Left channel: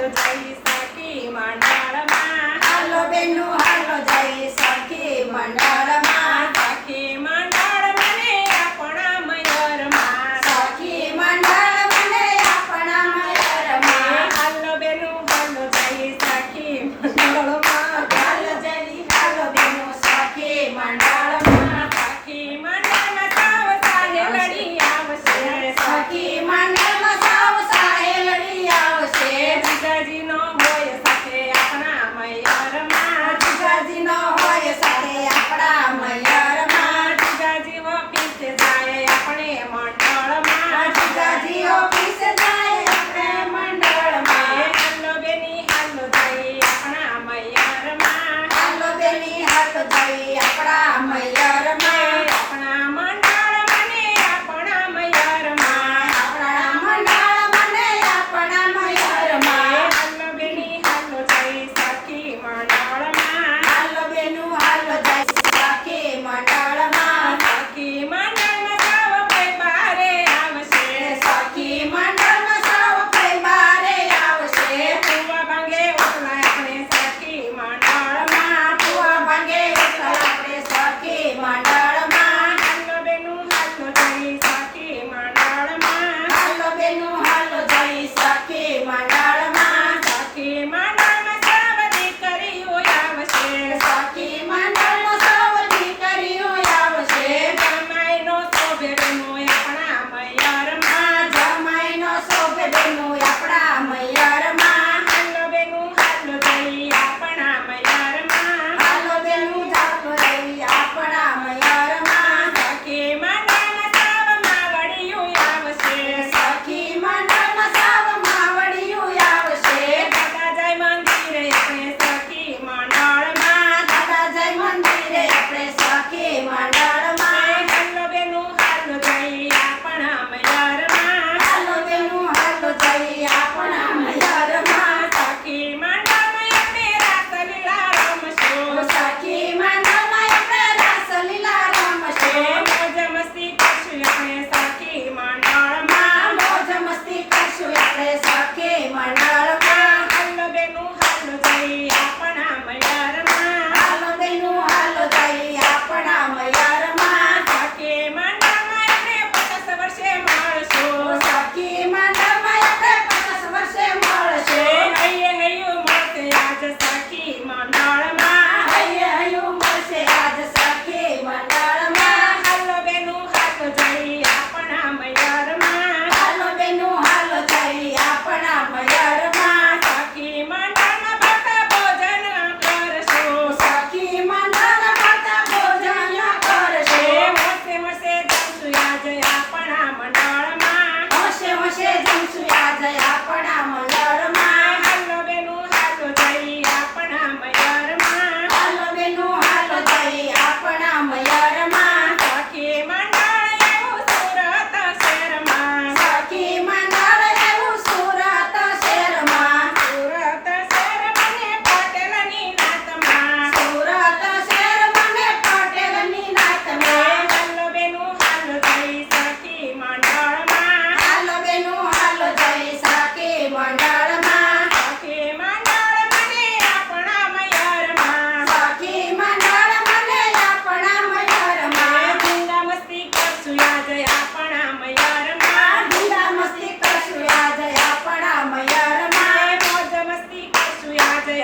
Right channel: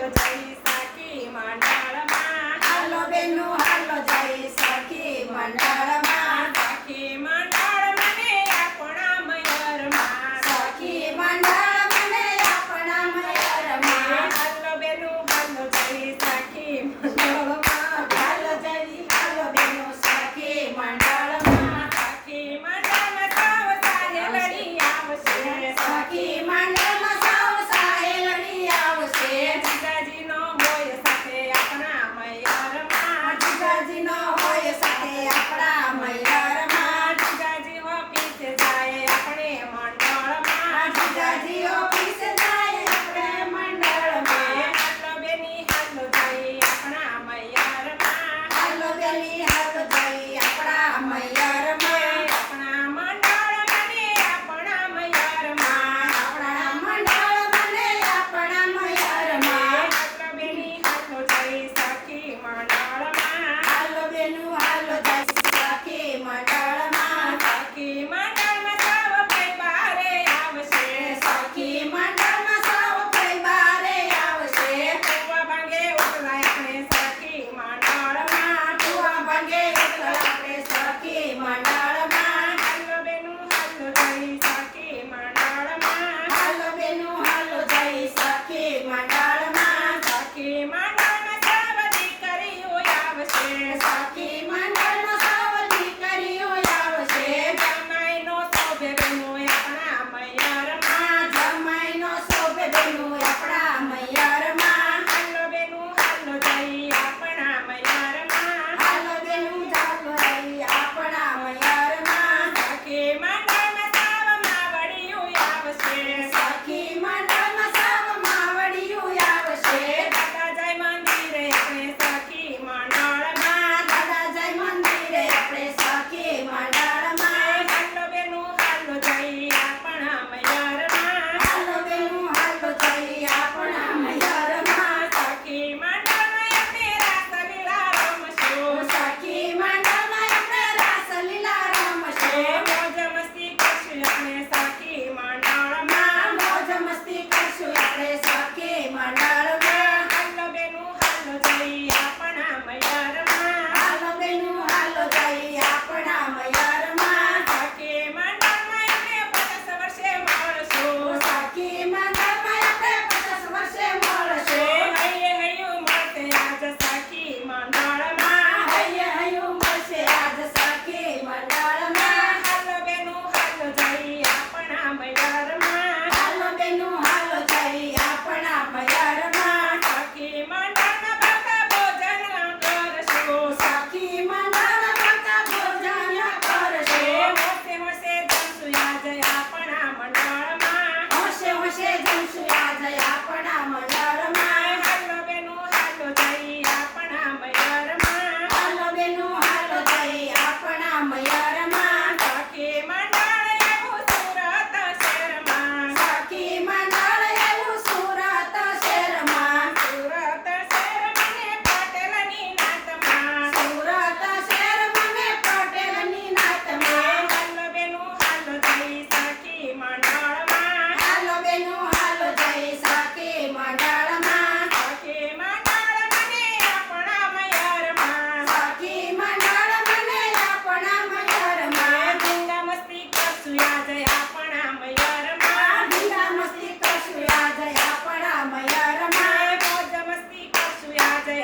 હાલો જઈ સખી મંડળમાં હાલો બેનો હાલો જઈ સખી મંડળમાં સખી મંડળ મને આપણા મયરમાં સખી મંડળ મને આપણા મયરમાં હાલો બેનો હાલો જઈ સખી મંડળમાં હાલો જઈ હાલો બેનો સખી મંડળમાં સખી મંડળમાં સૌ સાહેલડી આવશે સખી મંડળમાં સૌ સાહેલડી આવશે જીજાજીનો હોય સાથે આપણા મયરમાં જીજાજીનો હોય સાથે આપણા મયરમાં જીજાજી ઓફિસે જાય આપણે મંડળમાં જીજાજી ઓફિસે જાય આપણે મંડળમાં હાલો બેની હાલો જઈ આપણા મયરમાં હાલો બેની હાલો જઈ આપણા મયરમાં આપણા મંડળ મને આપણા મયરમાં આપણા મંડળ મને આપણા મયરમાં હાલો બેની હાલો જઈ સખી મંડળમાં હાલો બેનું હાલો જઈ સખી મંડળમાં સખી મંડળમાં સૌ કોઈ બારે આવશે સખી મંડળમાં સૌ કોઈ બારે આવશે કુવા ભાંગે ઓટલા આપણે સખી મંડળમાં કુવા ભાંગે એટલે આપણે સખી મંડળમાં હાલો બેનું હાલો જઈ સખી મંડળમાં હાલો બેનું હાલો જઈ સખી મંડળમાં સખી મંડળમાં સૌ દીકરીઓ આવશે સખી મંડળમાં સૌ દીકરીઓ આવશે જમાઈનો શોભે બેનો આપણા મયરમાં જમાઈનો શોભે બેનું આપણા મયરમાં હાલો બેનું હાલો જઈ આપણા મયરમાં હાલો બેનું ચાલો રહી આપણા મયરમાં સખી મંડળમાં સૌ માવડિયું આવશે સખી મંડળમાં સૌ માવડિયું આવશે દાદા જય મંદિરે આપણે સખી મંડળમાં દાદા જય મંદિરે આપણે સખી મંડળમાં હાલો બેનું હાલો જઈ આપણા મયરમાં હાલો બેનું હાલો જઈ આપણા મયરમાં સખી મંડળમાં આપણે રાસલીલા રમશું સખી મંડળમાં આપણે રાસલીલા રમશું મોજ મસ્તી કરશું આપણે સખી મંડળમાં મોજ મસ્તી કરશું આપણે સખી મંડળમાં હાલો બેનું હાલો જઈ આપણા મયરમાં હાલો બેનું હાલો જઈ આપણા મયરમાં સખી મંડળમાં આપણે 50 વર્ષે મળશું સખી મંડળમાં આપણે 50 વર્ષે મળશું હૈયે હૈયું મળશે આજ સખી મંડળમાં હૈયે હૈયું મળશે આજ સખી મંડળમાં હાલો બેનું હાલો જઈ આપણા મયરમાં હાલો બેનું હાલો જઈ આપણા મયરમાં સખી મંડળના ભક્ત ભોજન કરશું સખી મંડળ કરતા ભોજન કરશે હોશે હોશે જમશું આજે આપણા મંડળમાં હોશે હોશે જમશું આજે આપણા મંડળમાં હાલો બેનું હાલો જઈ આપણા મયરમાં હાલો બેનું હાલો જઈ આપણા મયરમાં સખી મંડળ એવું સુરત શહેરમાં સખી મંડળ એવું સુરત શહેરમાં સુરત શહેર મને પટેલની નાતમાં સુરત શહેર મને પટેલની નાતમાં હાલો બેનું હાલો જઈ સખી મંડળમાં હાલો બેનું હાલો જઈ સખી મંડળમાં સખી મંડળ મને આપણા મયરમાં સખી મંડળ મને આપણા મયરમાં ધીંગા મસ્તી કરશું આજે આપણા મયરમાં ઢીલા મસ્તી કરશું આજે આપણા મયરમાં મોજ મસ્તી કરશું આજે